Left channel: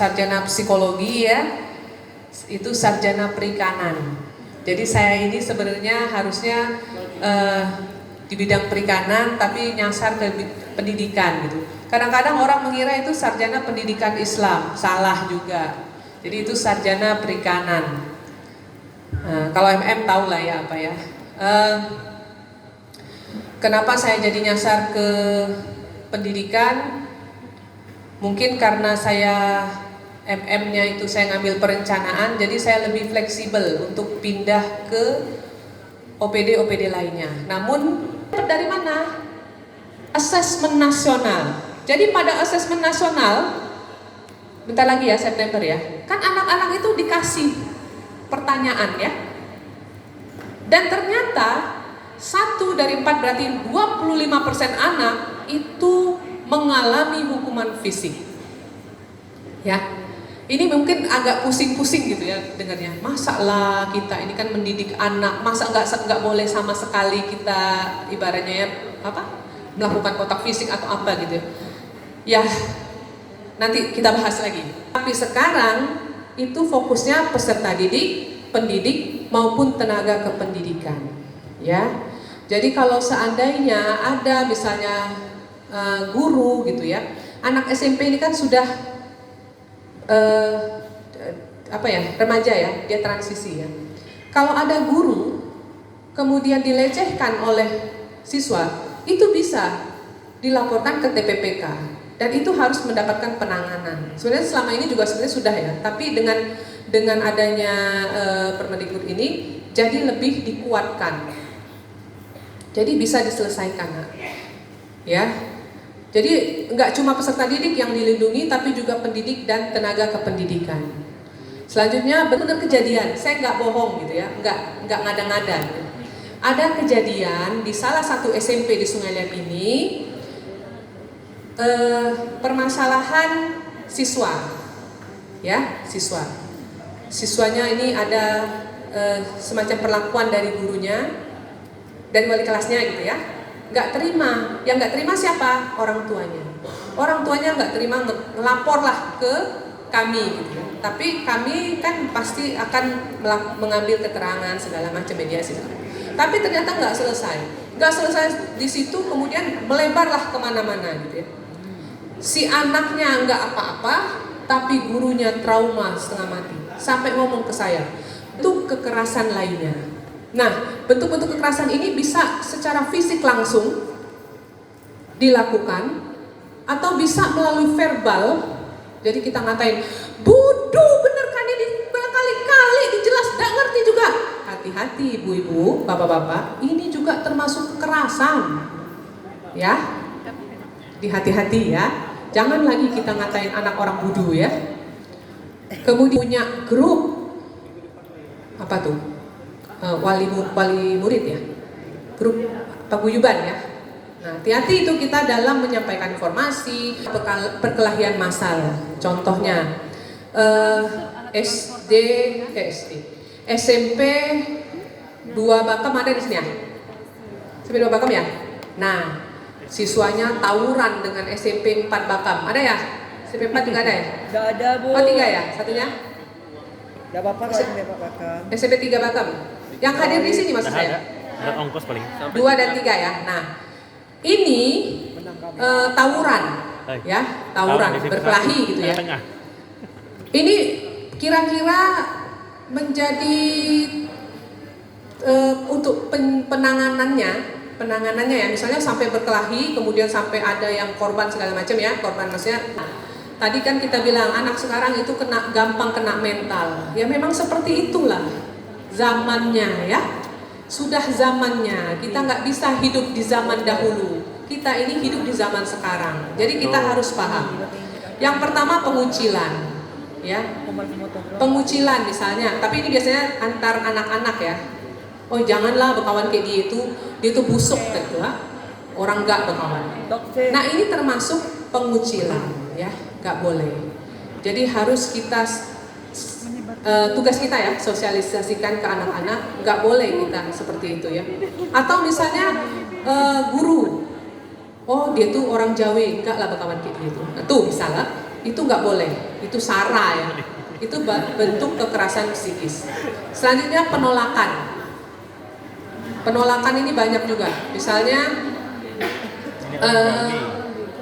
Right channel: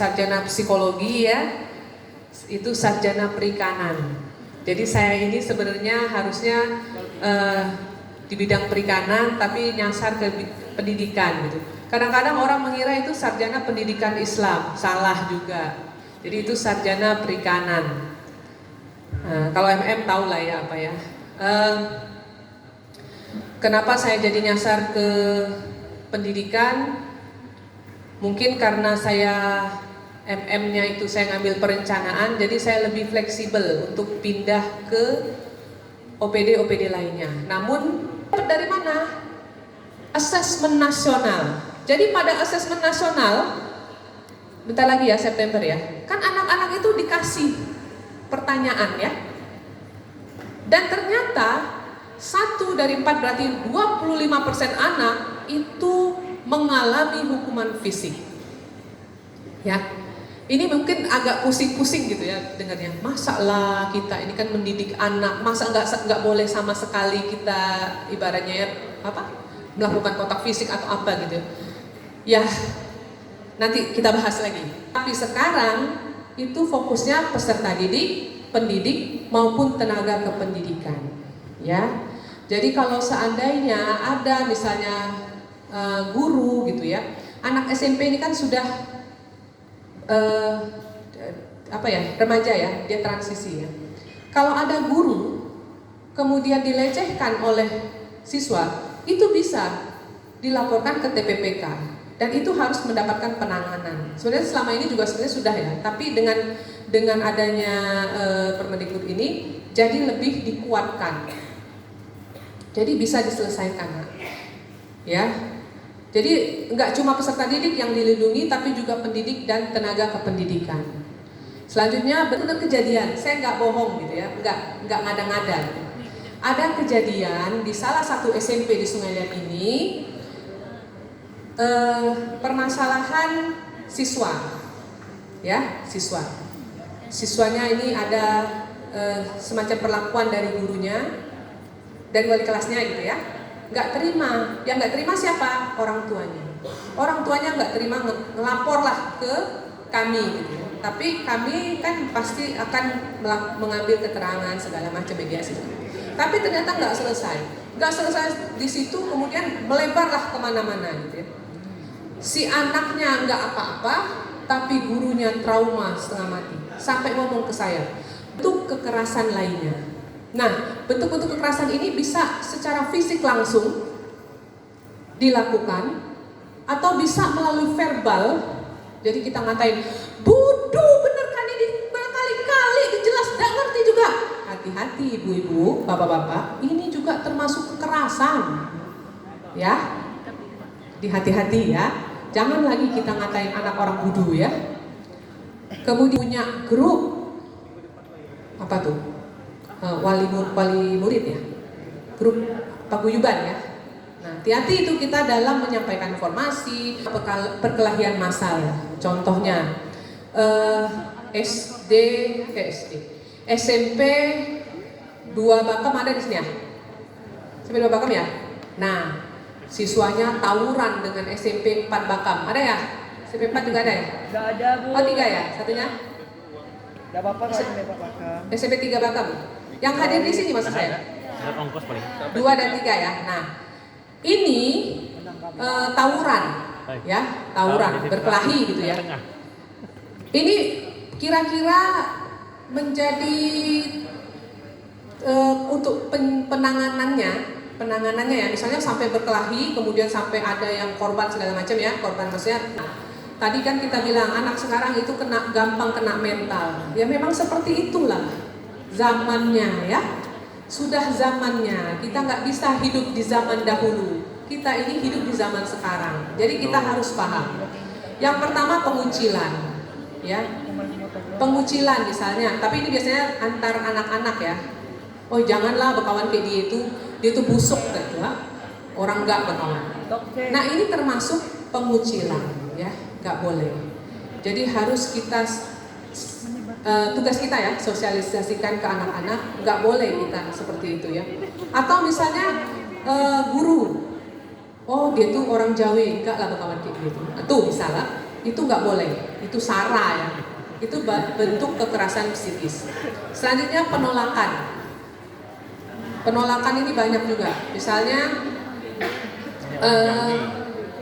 sarjana psikologi ya, itu sarjana perikanan. Jadi saya ini sebenarnya harusnya di bidang perikanan tapi nyasar ke pendidikan gitu. Kadang-kadang orang mengira itu sarjana pendidikan Islam, salah juga. Jadi itu sarjana perikanan. Nah, kalau MM tahu lah ya apa ya. Kenapa saya jadi nyasar ke pendidikan? Mungkin karena saya MM-nya itu saya ngambil perencanaan, jadi saya lebih fleksibel untuk pindah ke OPD lainnya. Namun dari mana? Asesmen nasional. Jadi pada asesmen nasional, bentar lagi ya September ya, kan anak-anak itu dikasih pertanyaan ya. Dan ternyata 1 dari 4 berarti 25% anak itu mengalami hukuman fisik. Ya, ini mungkin agak pusing-pusing gitu ya dengarnya. Masa lah kita ini kan mendidik anak, masa nggak boleh sama sekali kita ibaratnya ya melakukan kontak fisik atau apa gitu. Ya, nanti kita bahas lagi. Tapi sekarang itu fokusnya peserta didik, pendidik maupun tenaga kependidikan. Ya, jadi kalau seandainya ada misalnya guru gitu ya, anak SMP ini kan sudah remaja ya, dia transisi ya. Kalau ada guru kemudian dilecehkan oleh siswa, itu bisa dilaporkan ke TPPK dan itu harus mendapatkan penanganan. Sebenarnya selama ini juga sebenarnya sudah ya, tapi dengan adanya Permendikbud ini jadi lebih dikuatkan. Jadi bisa diselesaikan ya. Jadi nggak cuma peserta didik yang dilindungi, tapi juga pendidik dan tenaga kependidikan. Selanjutnya benar kejadian, saya nggak bohong gitu ya, nggak ngada-ngada. Ada kejadian di salah satu SMP di Sungai Lem ini, permasalahan siswa, ya siswanya ini ada semacam perlakuan dari gurunya dan wali kelasnya gitu ya. Nggak terima, yang nggak terima siapa? Orang tuanya nggak terima, ngelapor lah ke kami gitu. Tapi kami kan pasti akan mengambil keterangan segala macam mediasi gitu. Tapi ternyata nggak selesai di situ, kemudian melebarlah kemana-mana gitu ya. Si anaknya nggak apa-apa, tapi gurunya trauma setengah mati, sampai ngomong ke saya, itu kekerasan lainnya. Nah, bentuk-bentuk kekerasan ini bisa secara fisik langsung dilakukan atau bisa melalui verbal. Jadi kita ngatain, bodoh bener kan ini berkali-kali dijelas, gak ngerti juga. Hati-hati ibu-ibu, bapak-bapak, ini juga termasuk kekerasan. Ya, dihati-hati ya. Jangan lagi kita ngatain anak orang bodoh ya. Kemudian punya grup apa tuh? Wali murid ya, grup paguyuban ya. Nah, hati-hati itu kita dalam menyampaikan informasi, perkelahian massal. Contohnya SMP 2 Bakem ada di sini ya? SMP 2 Bakem ya? Nah, siswanya tawuran dengan SMP 4 Bakem, ada ya? SMP 4 juga ada ya? Gak ada Bu. Oh 3 ya? Satunya? Gak apa-apa SMP 4 Bakem. SMP 3 Bakem. Yang hadir di sini maksud saya? Ada ongkos paling. 2 dan 3 ya. Nah, ini tawuran, ya, tawuran berkelahi gitu ya. Ini kira-kira menjadi untuk penanganannya ya, misalnya sampai berkelahi, kemudian sampai ada yang korban segala macam ya, korban maksudnya. Tadi kan kita bilang anak sekarang itu gampang kena mental. Ya memang seperti itulah zamannya ya. Sudah zamannya. Kita nggak bisa hidup di zaman dahulu. Kita ini hidup di zaman sekarang. Jadi kita harus paham. Yang pertama pengucilan, ya. Pengucilan misalnya. Tapi ini biasanya antar anak-anak ya. Oh janganlah berkawan kayak dia itu busuk gitu ya. Orang nggak berkawan. Nah ini termasuk pengucilan ya. Nggak boleh. Jadi harus kita tugas kita ya sosialisasikan ke anak-anak, nggak boleh kita seperti itu ya. Atau misalnya guru, oh dia tuh orang Jawa, enggak lah berkawan kayak gitu. Nah, tuh misalnya itu nggak boleh, itu sara ya, itu bentuk kekerasan psikis. Selanjutnya penolakan. Penolakan ini banyak juga, misalnya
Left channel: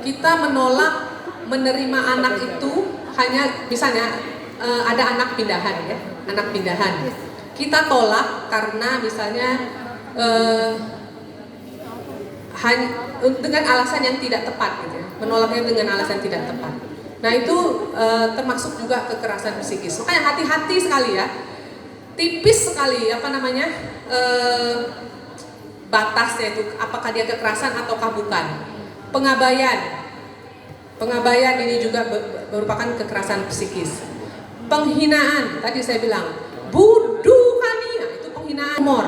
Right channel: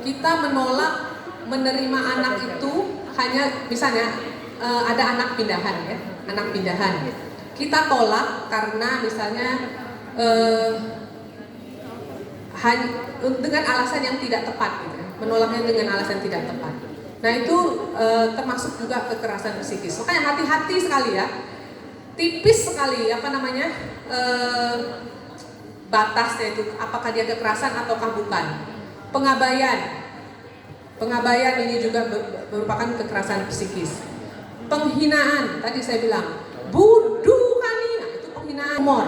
kita menolak menerima anak itu hanya misalnya ada anak pindahan ya, anak pindahan. Kita tolak karena misalnya dengan alasan yang tidak tepat, gitu ya. Menolaknya dengan alasan tidak tepat. Nah itu termasuk juga kekerasan psikis. Makanya hati-hati sekali ya, tipis sekali apa namanya batasnya itu, apakah dia kekerasan ataukah bukan. Pengabaian ini juga merupakan kekerasan psikis. Penghinaan, tadi saya bilang buduhania, itu penghinaan humor.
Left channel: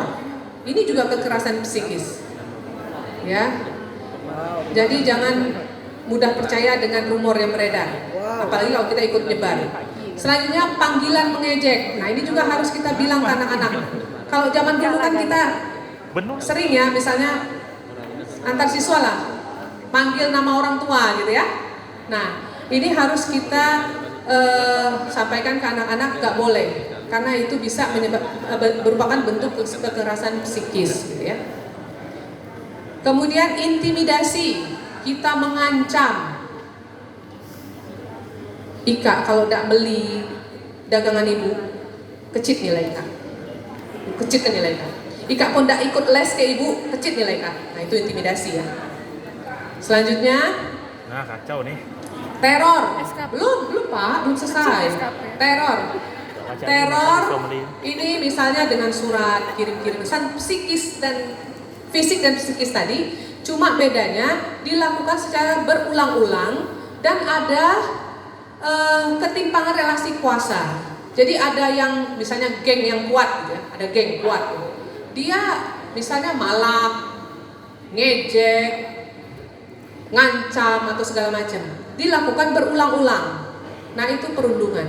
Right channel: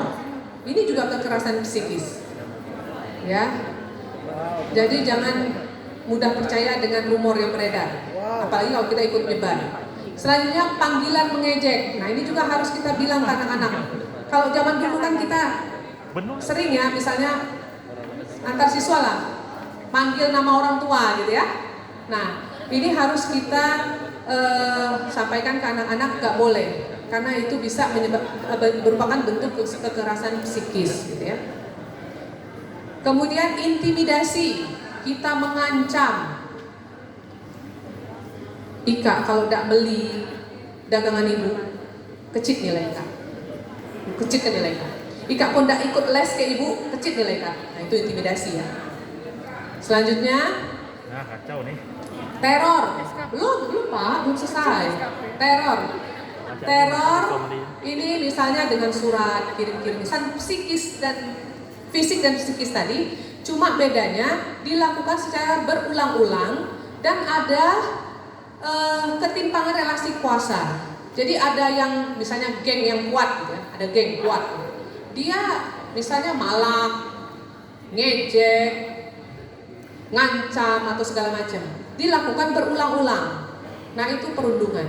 Ini juga kekerasan psikis. Ya. Jadi jangan mudah percaya dengan rumor yang beredar. Apalagi kalau kita ikut nyebar. Selanjutnya panggilan mengejek. Nah, ini juga harus kita bilang ke anak-anak. Kalau zaman dulu kan kita sering ya, misalnya antar siswa lah panggil nama orang tua gitu ya. Nah, ini harus kita sampaikan ke anak-anak, nggak boleh, karena itu bisa merupakan bentuk kekerasan psikis gitu ya. Kemudian intimidasi, kita mengancam. Ika kalau tidak beli dagangan ibu, kecil nilai Ika. Kecil kan nilai Ika. Ika pun tidak ikut les ke ibu, kecil nilai Ika. Nah itu intimidasi ya. Selanjutnya, nah kacau nih. teror. Belum Pak, belum selesai. Teror ini misalnya dengan surat, kirim-kirim pesan psikis dan fisik dan psikis tadi, cuma bedanya dilakukan secara berulang-ulang dan ada ketimpangan relasi kuasa. Jadi ada yang misalnya geng yang kuat gitu ya, ada geng kuat. Dia misalnya malak, ngejek, ngancam atau segala macam. Dilakukan berulang-ulang. Nah, itu perundungan.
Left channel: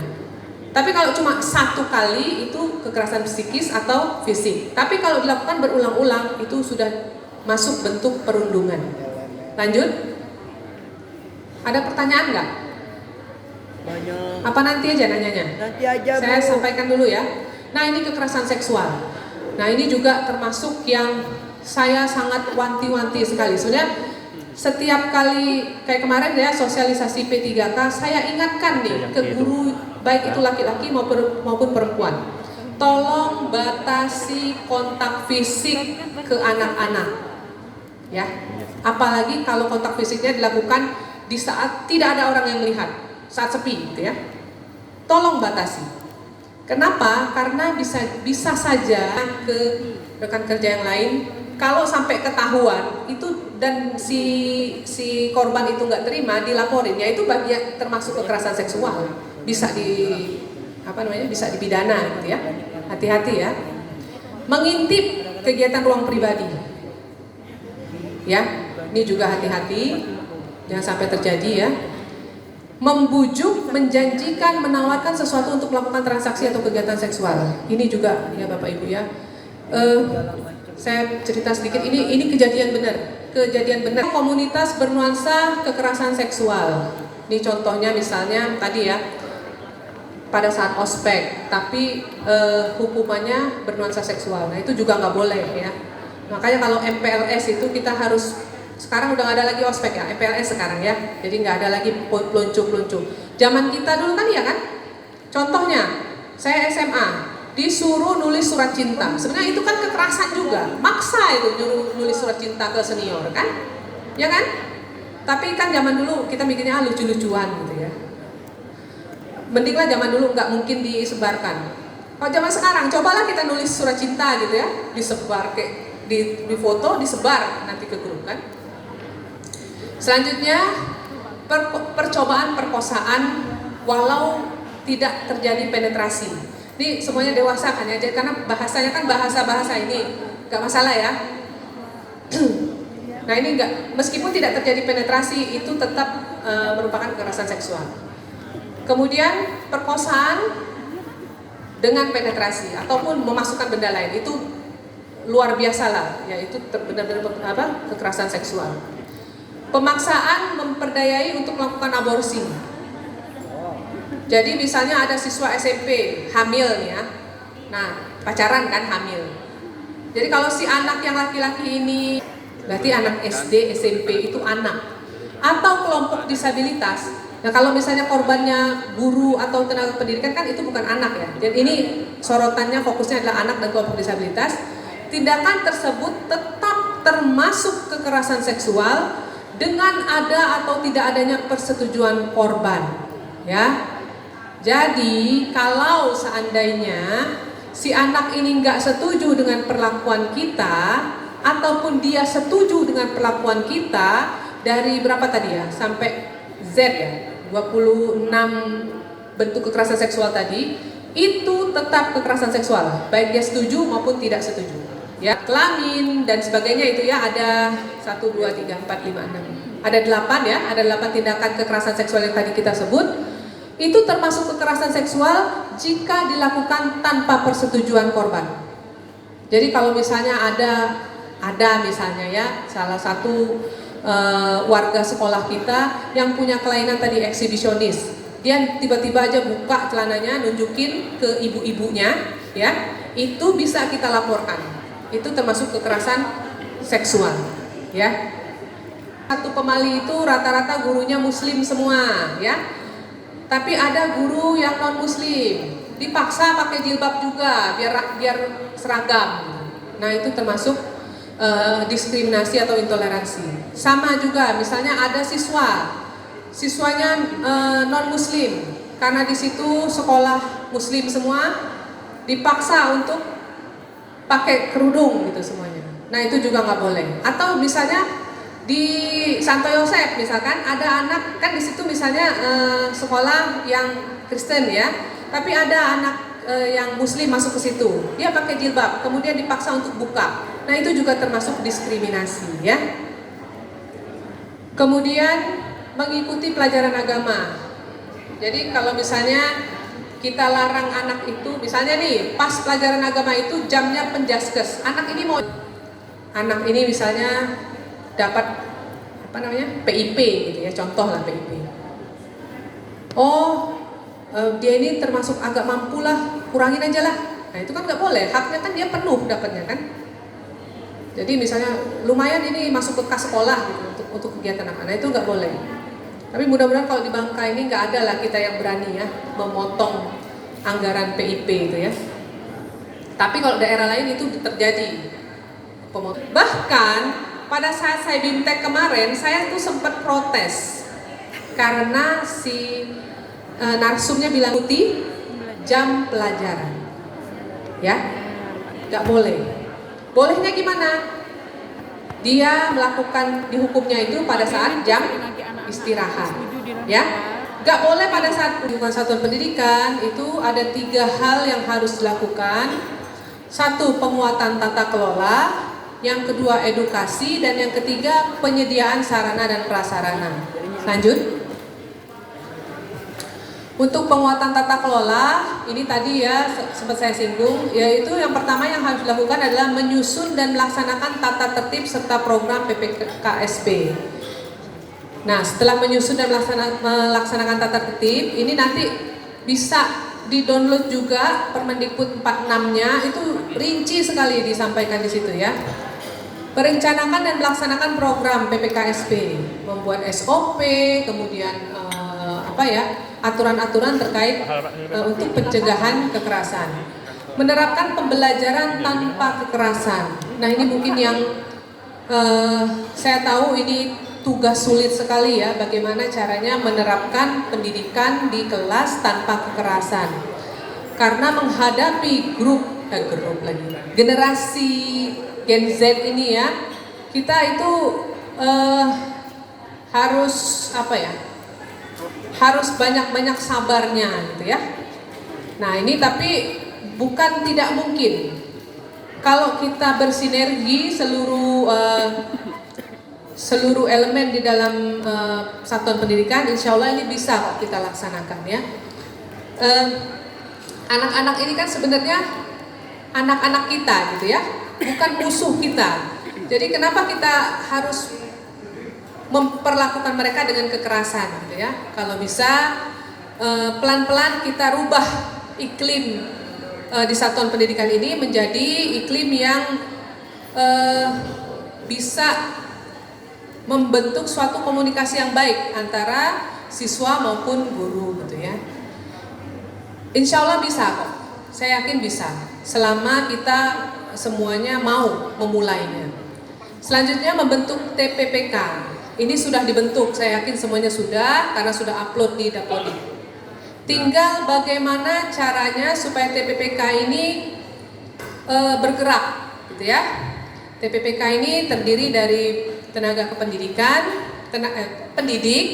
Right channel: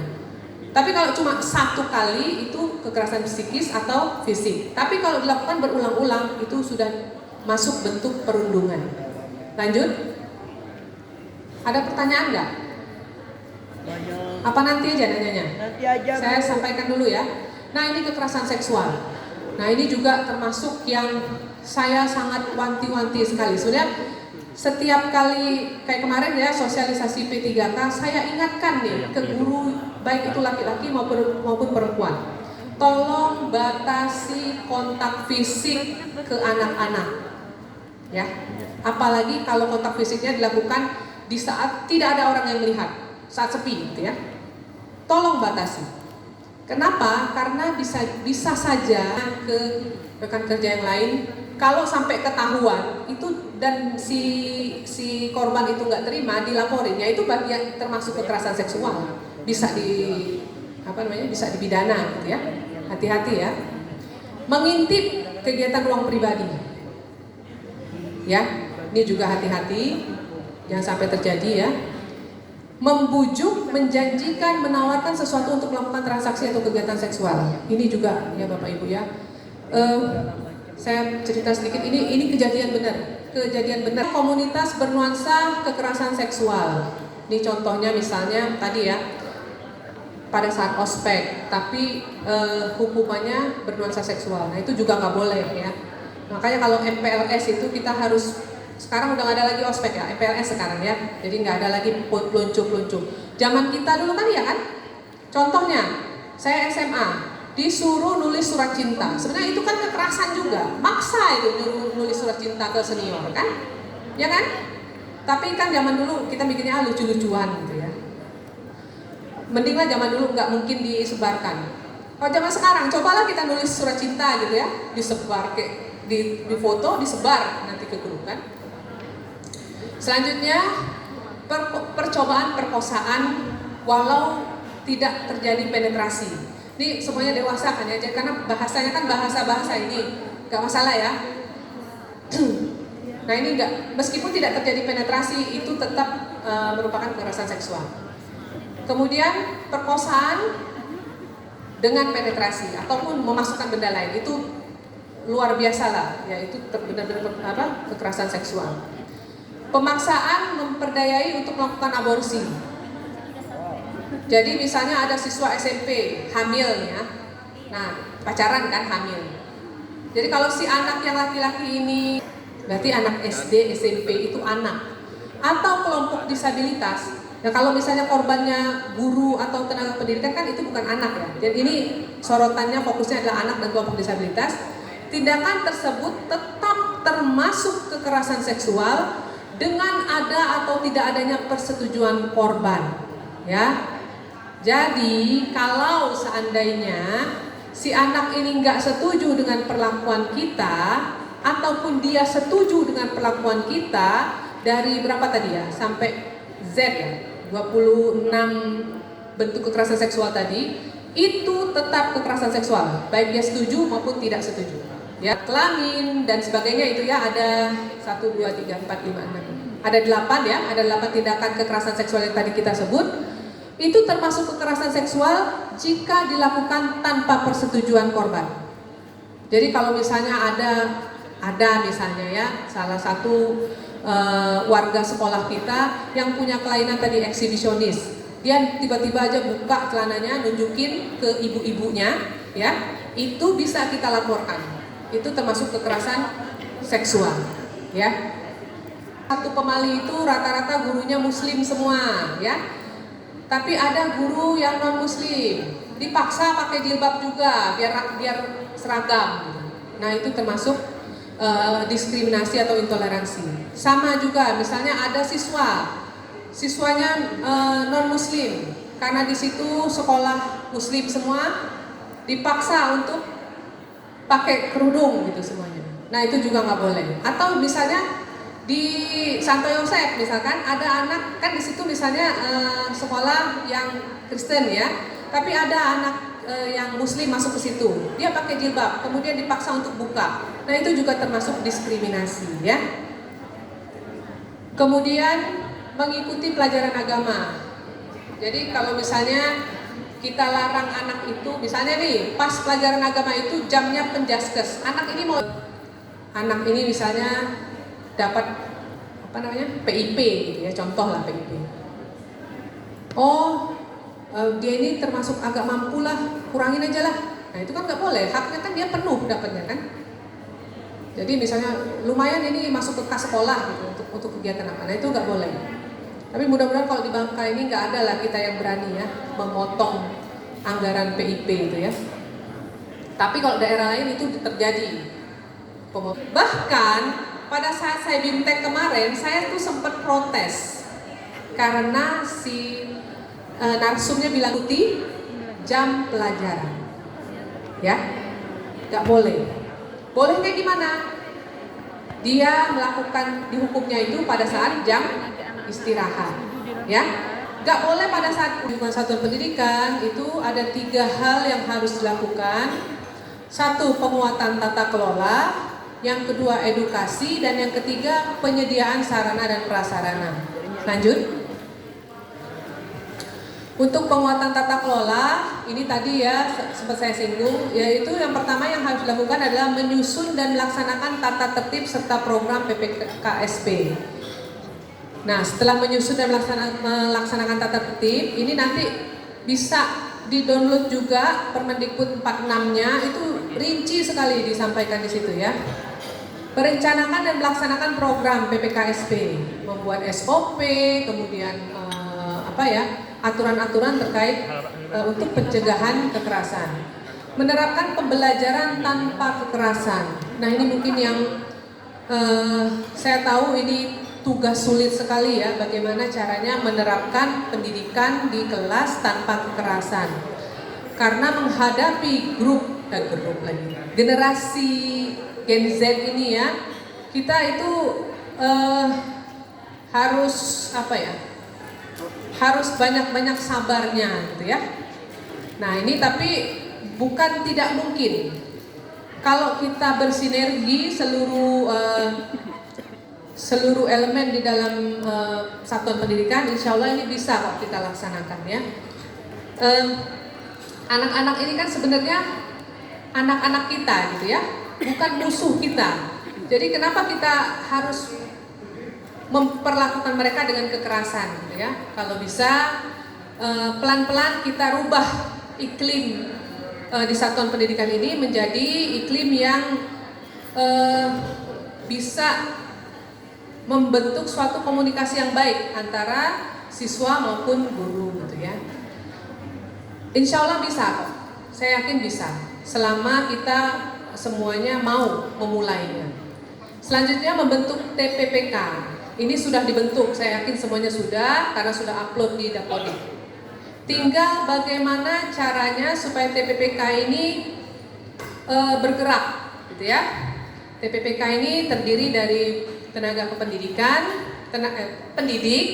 Tapi kalau cuma satu kali itu kekerasan psikis atau fisik. Tapi kalau dilakukan berulang-ulang itu sudah masuk bentuk perundungan. Lanjut. Ada pertanyaan nggak? Banyak. Apa nanti aja nanyanya? Nanti aja. Saya Bu. sampaikan dulu ya. Nah, ini kekerasan seksual. Nah, ini juga termasuk yang saya sangat wanti-wanti sekali. Sebenarnya setiap kali kayak kemarin ya sosialisasi P3K, saya ingatkan nih ke guru baik itu laki-laki maupun perempuan. Tolong batasi kontak fisik ke anak-anak. Ya. Apalagi kalau kontak fisiknya dilakukan di saat tidak ada orang yang melihat, saat sepi gitu ya. Tolong batasi. Kenapa? Karena bisa saja ke rekan kerja yang lain, kalau sampai ketahuan itu dan si korban itu nggak terima, dilaporin, ya itu bagian termasuk kekerasan seksual, bisa bisa dipidana gitu ya. Hati-hati ya. Mengintip kegiatan ruang pribadi, ya ini juga hati-hati, jangan sampai terjadi ya. Membujuk, menjanjikan, menawarkan sesuatu untuk melakukan transaksi atau kegiatan seksual, ini juga ya Bapak Ibu ya. Saya cerita sedikit, ini kejadian benar. Komunitas bernuansa kekerasan seksual. Ini contohnya misalnya tadi ya, pada saat ospek, tapi hukumannya bernuansa seksual. Nah itu juga nggak boleh ya. Makanya kalau MPLS itu kita harus, sekarang udah nggak ada lagi ospek ya, MPLS sekarang ya. Jadi nggak ada lagi peluncup. Zaman kita dulu kan ya kan. Contohnya, saya SMA, disuruh nulis surat cinta. Sebenarnya itu kan kekerasan juga, maksa itu nyuruh nulis surat cinta ke senior kan, ya kan? Tapi kan zaman dulu kita mikirnya lucu-lucuan gitu ya. Mendinglah zaman dulu nggak mungkin disebarkan. Kalau zaman sekarang, cobalah kita nulis surat cinta gitu ya, disebar di foto, disebar nanti ke grup kan. Selanjutnya percobaan perkosaan walau tidak terjadi penetrasi. Ini semuanya dewasa kan ya, karena bahasanya kan bahasa ini nggak masalah ya. Nah ini enggak, meskipun tidak terjadi penetrasi itu tetap merupakan kekerasan seksual. Kemudian perkosaan dengan penetrasi ataupun memasukkan benda lain itu luar biasa lah, yaitu benar-benar kekerasan seksual. Pemaksaan memperdayai untuk melakukan aborsi. Jadi misalnya ada siswa SMP hamil nih ya. Nah, pacaran kan hamil. Jadi kalau si anak yang laki-laki ini berarti anak SD, SMP itu anak atau kelompok disabilitas. Nah, kalau misalnya korbannya guru atau tenaga pendidikan kan itu bukan anak ya. Jadi ini sorotannya fokusnya adalah anak dan kelompok disabilitas. Tindakan tersebut tetap termasuk kekerasan seksual dengan ada atau tidak adanya persetujuan korban. Ya. Jadi kalau seandainya si anak ini nggak setuju dengan perlakuan kita ataupun dia setuju dengan perlakuan kita dari berapa tadi ya sampai Z ya 26 bentuk kekerasan seksual tadi itu tetap kekerasan seksual baik dia setuju maupun tidak setuju ya. Kelamin dan sebagainya itu ya ada 1, 2, 3, 4, 5, 6 ada 8 ya, ada 8 tindakan kekerasan seksual yang tadi kita sebut. Itu termasuk kekerasan seksual jika dilakukan tanpa persetujuan korban. Jadi kalau misalnya ada misalnya ya salah satu warga sekolah kita yang punya kelainan tadi eksibisionis, dia tiba-tiba aja buka celananya nunjukin ke ibu-ibunya, ya itu bisa kita laporkan. Itu termasuk kekerasan seksual, ya. Satu pemali itu rata-rata gurunya muslim semua, ya. Tapi ada guru yang non muslim, dipaksa pakai jilbab juga biar seragam. Nah itu termasuk diskriminasi atau intoleransi. Sama juga misalnya ada siswanya non muslim, karena di situ sekolah muslim semua dipaksa untuk pakai kerudung gitu semuanya. Nah itu juga nggak boleh. Atau misalnya di Santo Yosef misalkan ada anak kan di situ misalnya sekolah yang Kristen ya, tapi ada anak yang Muslim masuk ke situ, dia pakai jilbab, kemudian dipaksa untuk buka. Nah itu juga termasuk diskriminasi ya. Kemudian mengikuti pelajaran agama. Jadi kalau misalnya kita larang anak itu, misalnya nih pas pelajaran agama itu jamnya penjaskes, anak ini misalnya dapat apa namanya PIP gitu ya, contoh lah PIP. Dia ini termasuk agak mampu lah, kurangin aja lah. Nah itu kan nggak boleh, haknya kan dia penuh dapatnya kan. Jadi misalnya lumayan ini masuk ke kas sekolah gitu, untuk kegiatan apa, nah itu nggak boleh. Tapi mudah-mudahan kalau di Bangka ini nggak ada lah kita yang berani ya memotong anggaran PIP itu ya. Tapi kalau daerah lain itu terjadi pemotong. Bahkan pada saat saya BIMTEK kemarin, saya tuh sempat protes karena si narsumnya bilang putih jam pelajaran, ya, nggak boleh. Bolehnya gimana? Dia melakukan dihukumnya itu pada saat jam istirahat, ya. Nggak boleh pada saat lingkungan satuan pendidikan itu ada 3 hal yang harus dilakukan. 1, penguatan tata kelola. Yang kedua edukasi, dan yang ketiga penyediaan sarana dan prasarana. Lanjut. Untuk penguatan tata kelola, ini tadi ya sempat saya singgung, yaitu yang pertama yang harus dilakukan adalah menyusun dan melaksanakan tata tertib serta program PPKSP. Nah, setelah menyusun dan melaksanakan tata tertib, ini nanti bisa di-download juga Permendikbud 46-nya, itu rinci sekali disampaikan di situ ya. Perencanaan dan melaksanakan program PPKSP, membuat SOP, kemudian aturan-aturan terkait untuk pencegahan kekerasan. Menerapkan pembelajaran tanpa kekerasan. Nah ini mungkin yang saya tahu ini tugas sulit sekali ya, bagaimana caranya menerapkan pendidikan di kelas tanpa kekerasan. Karena menghadapi generasi Gen Z ini ya, kita itu harus banyak-banyak sabarnya gitu ya. Nah ini tapi bukan tidak mungkin kalau kita bersinergi seluruh elemen di dalam satuan pendidikan, insya Allah ini bisa kita laksanakan ya. Anak-anak ini kan sebenarnya anak-anak kita gitu ya, bukan musuh kita. Jadi kenapa kita harus memperlakukan mereka dengan kekerasan gitu ya? Kalau bisa pelan-pelan kita rubah iklim di satuan pendidikan ini menjadi iklim yang bisa membentuk suatu komunikasi yang baik antara siswa maupun guru gitu ya. Insya Allah bisa kok, saya yakin bisa selama kita semuanya mau memulainya. Selanjutnya membentuk TPPK. Ini sudah dibentuk, saya yakin semuanya sudah karena sudah upload di Dapodik. Tinggal bagaimana caranya supaya TPPK ini bergerak gitu ya. TPPK ini terdiri dari tenaga kependidikan, pendidik,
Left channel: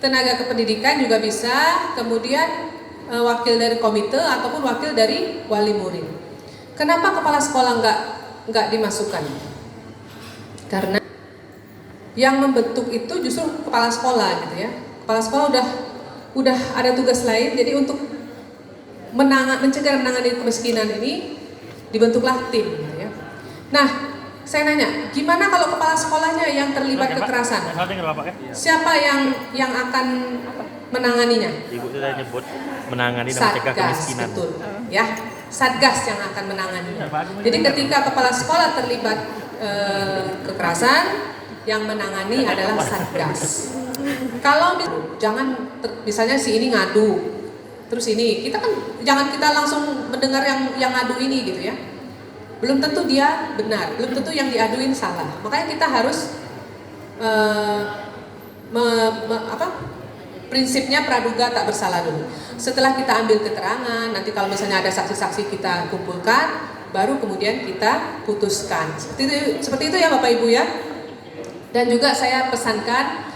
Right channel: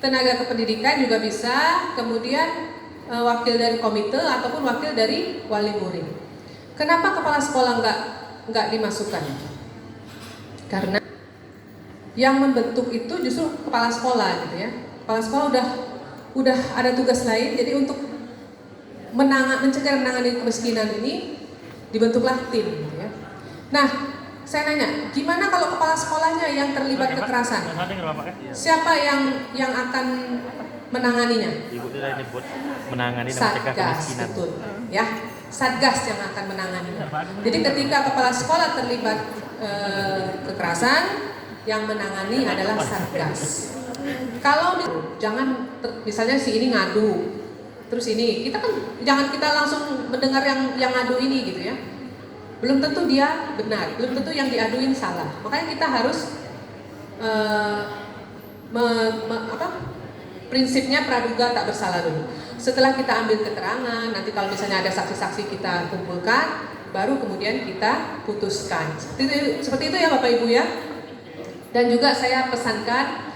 tenaga kependidikan juga bisa, kemudian wakil dari komite ataupun wakil dari wali murid. Kenapa kepala sekolah nggak dimasukkan? Karena yang membentuk itu justru kepala sekolah gitu ya. Kepala sekolah udah ada tugas lain, jadi untuk mencegah menangani kemiskinan ini dibentuklah tim gitu ya. Nah, saya nanya, gimana kalau kepala sekolahnya yang terlibat kekerasan? Siapa yang akan menanganinya? Ibu sudah nyebut menangani dan mencegah kemiskinan. Betul, ya. Satgas yang akan menanganinya. Jadi ketika kepala sekolah terlibat kekerasan, yang menangani adalah Satgas. Kalau jangan misalnya si ini ngadu, terus ini kita kan jangan kita langsung mendengar yang ngadu ini gitu ya. Belum tentu dia benar, belum tentu yang diaduin salah. Makanya kita harus prinsipnya praduga tak bersalah dulu. Setelah kita ambil keterangan, nanti kalau misalnya ada saksi-saksi kita kumpulkan, baru kemudian kita putuskan. Seperti itu ya Bapak Ibu ya. Dan juga saya pesankan,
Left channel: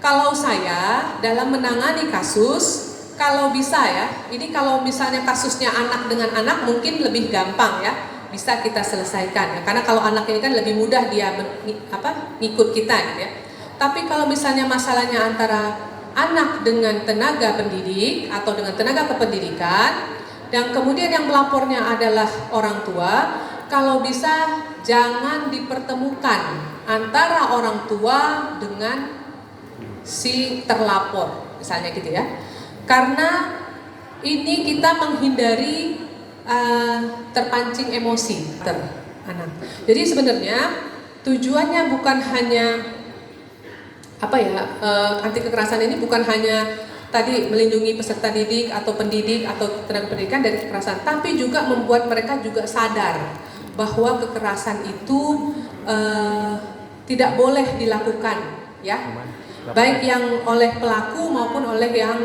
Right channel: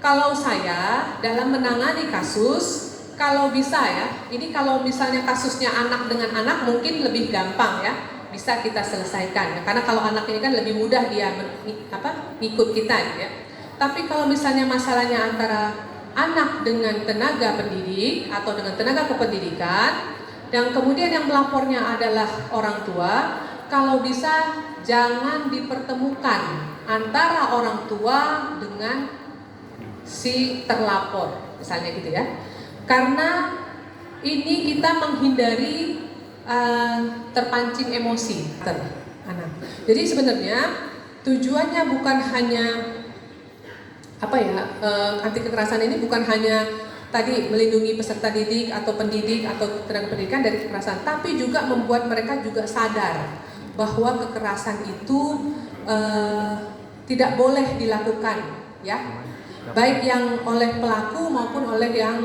kalau saya dalam menangani kasus, kalau bisa ya, ini kalau misalnya kasusnya anak dengan anak mungkin lebih gampang ya, bisa kita selesaikan. Karena kalau anak ini kan lebih mudah dia ngikut kita gitu ya. Tapi kalau misalnya masalahnya antara anak dengan tenaga pendidik atau dengan tenaga kependidikan, dan kemudian yang melapornya adalah orang tua, kalau bisa jangan dipertemukan antara orang tua dengan si terlapor, misalnya gitu ya. Karena ini kita menghindari terpancing emosi anak. Jadi sebenarnya tujuannya bukan hanya anti kekerasan ini bukan hanya tadi melindungi peserta didik atau pendidik atau tenaga pendidikan dari kekerasan, tapi juga membuat mereka juga sadar bahwa kekerasan itu tidak boleh dilakukan ya, baik yang oleh pelaku maupun oleh yang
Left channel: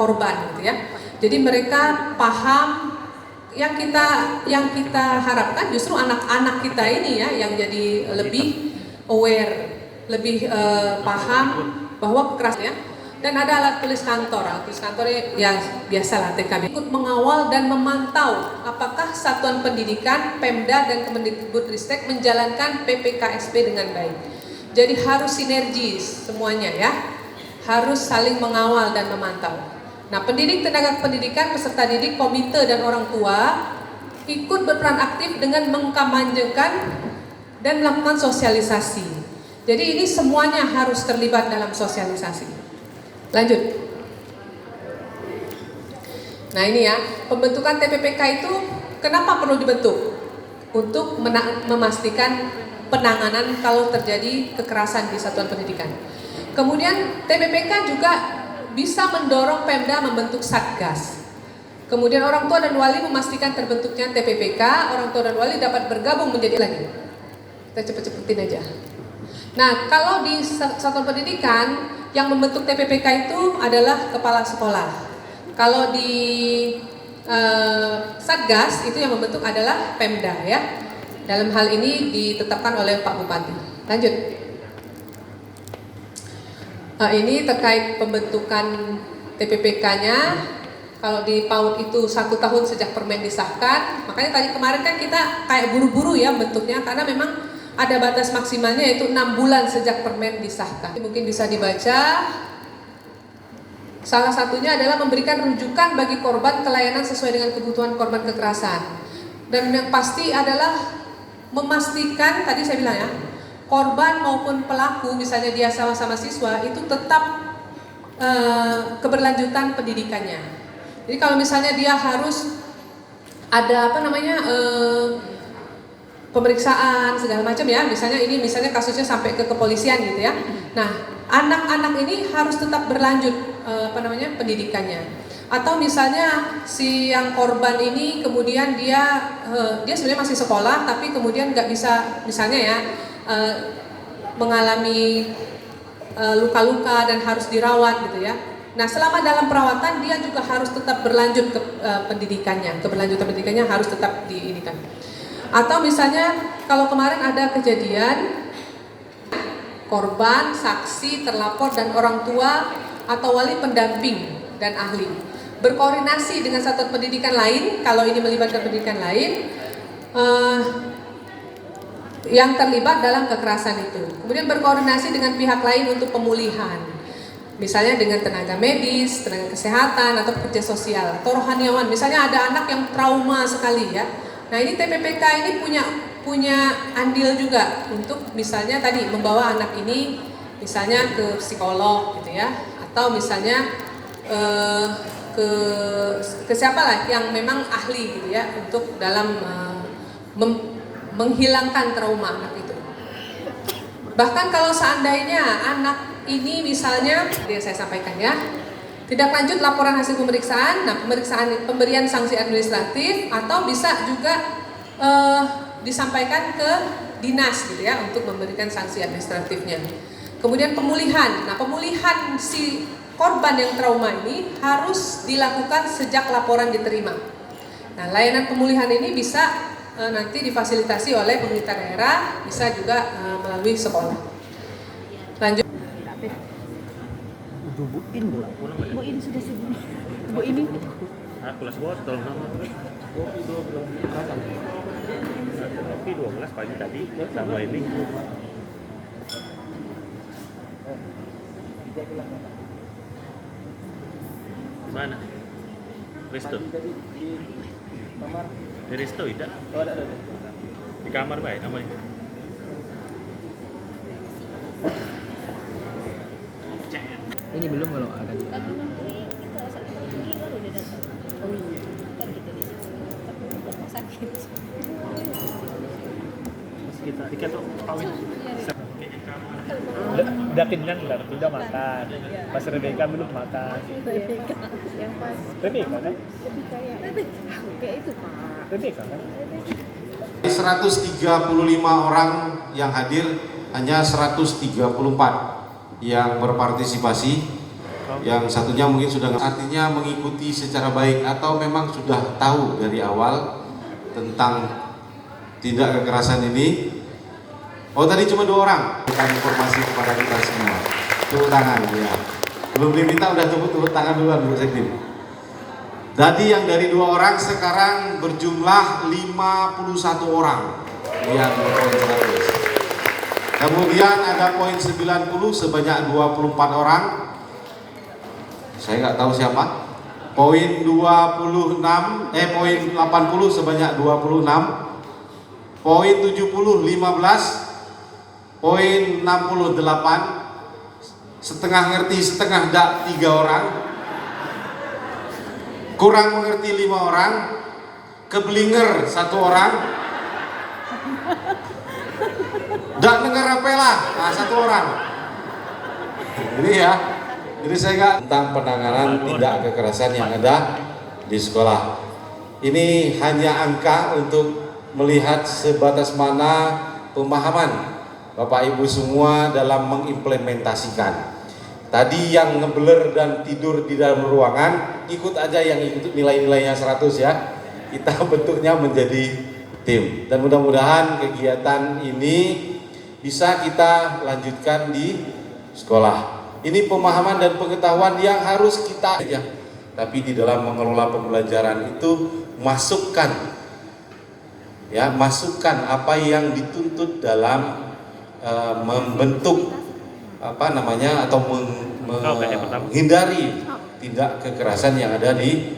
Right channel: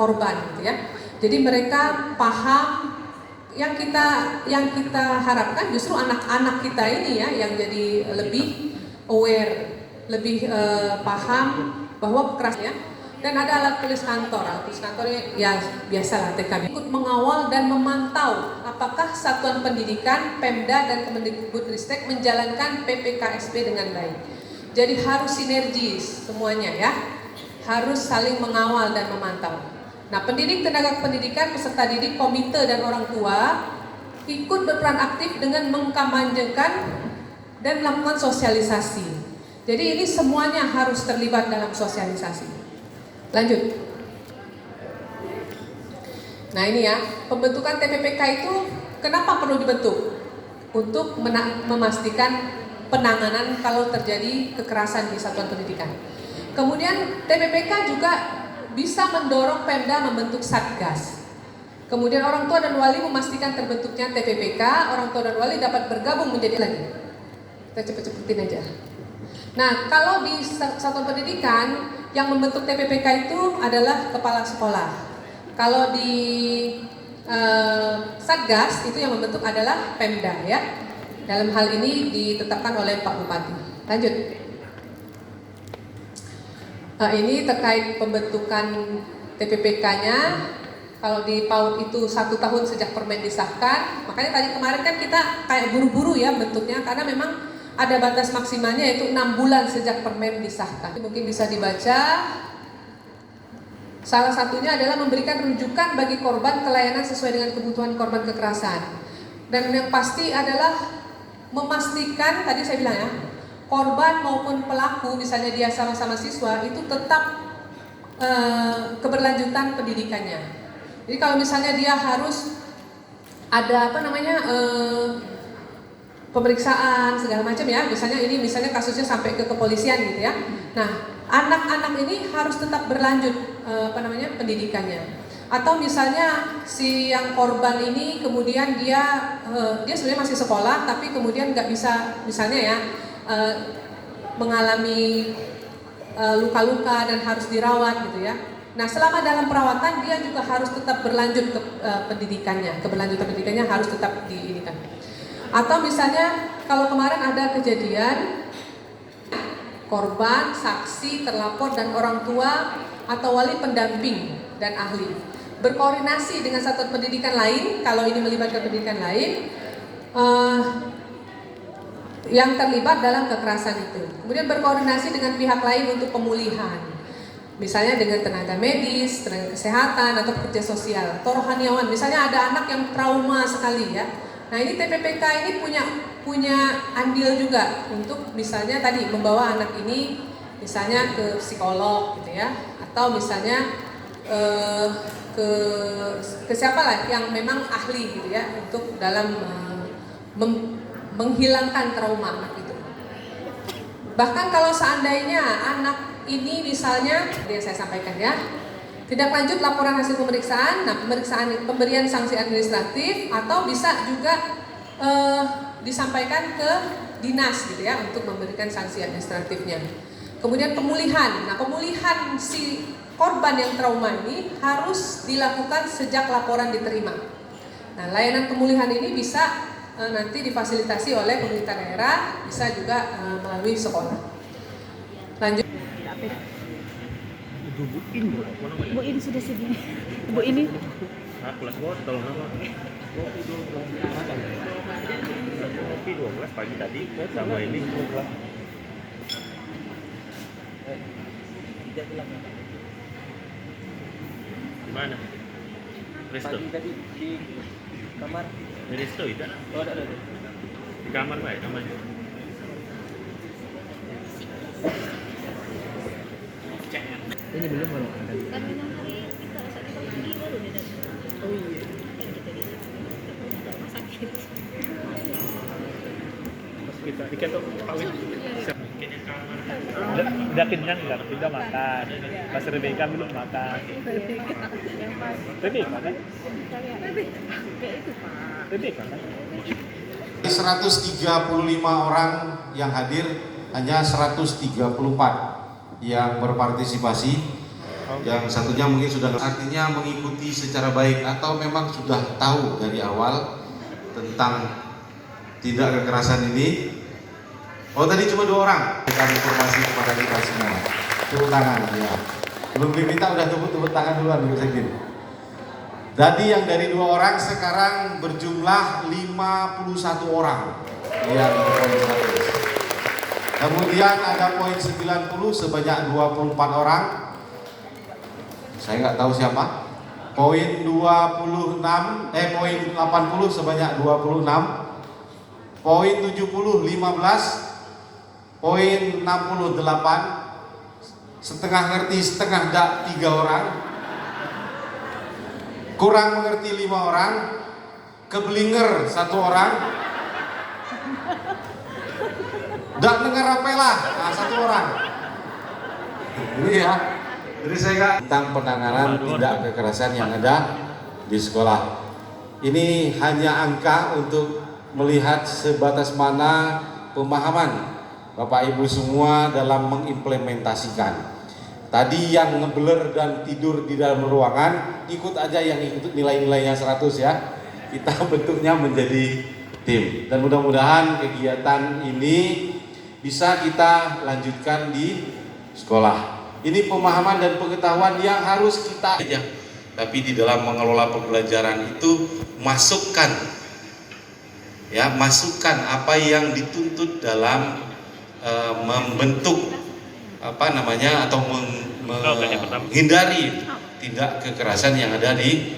korban gitu ya. Jadi mereka paham. Yang kita harapkan justru anak-anak kita ini ya yang jadi lebih aware, lebih paham bahwa kekerasan ya. Dan ada alat tulis kantor. Alat tulis kantornya ya biasalah TKB. Ikut mengawal dan memantau apakah satuan pendidikan, Pemda dan Kemendikbudristek menjalankan PPKSP dengan baik. Jadi harus sinergis semuanya ya. Harus saling mengawal dan memantau. Nah, pendidik, tenaga pendidikan, peserta didik, komite dan orang tua ikut berperan aktif dengan mengkampanyekan dan melakukan sosialisasi. Jadi ini semuanya harus terlibat dalam sosialisasi. Lanjut. Nah ini ya, pembentukan TPPK itu kenapa perlu dibentuk? Untuk memastikan penanganan kalau terjadi kekerasan di satuan pendidikan. Kemudian TPPK juga bisa mendorong Pemda membentuk Satgas. Kemudian orang tua dan wali memastikan terbentuknya TPPK, orang tua dan wali dapat bergabung menjadi lagi. Kita cepet-cepetin aja. Nah, kalau di satuan pendidikan yang membentuk TPPK itu adalah kepala sekolah. Kalau di Satgas itu yang membentuk adalah Pemda ya. Dalam hal ini ditetapkan oleh Pak Bupati. Lanjut. Ini terkait pembentukan TPPK-nya. Kalau di PAUD itu 1 tahun sejak permen disahkan. Makanya tadi kemarin kan kita kayak buru-buru ya bentuknya, karena memang ada batas maksimalnya yaitu 6 bulan sejak permen disahkan. Mungkin bisa dibaca. Salah satunya adalah memberikan rujukan bagi korban kelayanan sesuai dengan kebutuhan korban kekerasan. Dan yang pasti adalah memastikan, tadi saya bilang ya, korban maupun pelaku, misalnya dia sama-sama siswa, itu tetap keberlanjutan pendidikannya. Jadi kalau misalnya dia harus ada pemeriksaan segala macam ya, misalnya kasusnya sampai ke kepolisian gitu ya. Nah, anak-anak ini harus tetap berlanjut pendidikannya. Atau misalnya si yang korban ini kemudian dia sebenarnya masih sekolah tapi kemudian nggak bisa misalnya ya mengalami luka-luka dan harus dirawat gitu ya. Nah, selama dalam perawatan dia juga harus tetap berlanjut ke pendidikannya, keberlanjutan pendidikannya harus tetap diinikan. Atau misalnya kalau kemarin ada kejadian korban, saksi, terlapor dan orang tua atau wali pendamping dan ahli berkoordinasi dengan satuan pendidikan lain, kalau ini melibatkan pendidikan lain yang terlibat dalam kekerasan itu. Kemudian berkoordinasi dengan pihak lain untuk pemulihan. Misalnya dengan tenaga medis, tenaga kesehatan, atau pekerja sosial, atau rohaniawan. Misalnya ada anak yang trauma sekali ya. Nah ini TPPK ini punya andil juga untuk misalnya tadi membawa anak ini misalnya ke psikolog gitu ya. Atau misalnya ke siapa lah yang memang ahli gitu ya untuk dalam menghilangkan trauma anak itu. Bahkan kalau seandainya anak ini misalnya, saya sampaikan ya, tidak lanjut laporan hasil pemeriksaan, nah pemberian sanksi administratif atau bisa juga disampaikan ke dinas gitu ya untuk memberikan sanksi administratifnya. Kemudian pemulihan, nah pemulihan si korban yang trauma ini harus dilakukan sejak laporan diterima. Nah layanan pemulihan ini bisa nanti difasilitasi oleh pemerintah daerah, bisa juga melalui sekolah. Lanjut. Bu ini sudah sini. Bu ini. Kelas botol nama. Kopi 12 pagi tadi sama ini. Mana? Resto. Tadi di kamar. Di resto tidak? Oh, ada. Di kamar baik aman. Ini belum kalau akan. Kita pikir tuh kawin. Udah kenyang nggak? Tidak makan. Pas Rebecca belum makan. Rebecca kan? Rebecca kan? 135 orang yang hadir, hanya 134 yang berpartisipasi, yang satunya mungkin sudah artinya mengikuti secara baik atau memang sudah tahu dari awal tentang tindak kekerasan ini. Oh tadi cuma 2 orang berikan informasi kepada kita semua. Tepuk tangan ya. Belum diminta udah tepuk tangan duluan Bu Sekdi. Tadi yang dari 2 orang sekarang berjumlah 51 orang yang poin 100. Kemudian ada poin 90 sebanyak 24 orang. Saya nggak tahu siapa. Poin 80 sebanyak 26. Poin 70 15. Poin 68. Setengah ngerti setengah enggak 3 orang. Kurang mengerti 5 orang. Keblinger 1 orang. Dak dengar apela, nah 1 orang. Ini ya. Jadi saya nggak tentang penanganan tindak kekerasan yang ada di sekolah. Ini hanya angka untuk melihat sebatas mana pemahaman Bapak Ibu semua dalam mengimplementasikan. Tadi yang ngebeler dan tidur di dalam ruangan, ikut aja yang ikut nilai-nilainya 100 ya. Kita bentuknya menjadi tim. Dan mudah-mudahan kegiatan ini bisa kita lanjutkan di sekolah. Ini pemahaman dan pengetahuan yang harus kita ya. Tapi di dalam mengelola pembelajaran itu masukkan apa yang dituntut dalam membentuk atau menghindari tindak kekerasan yang ada di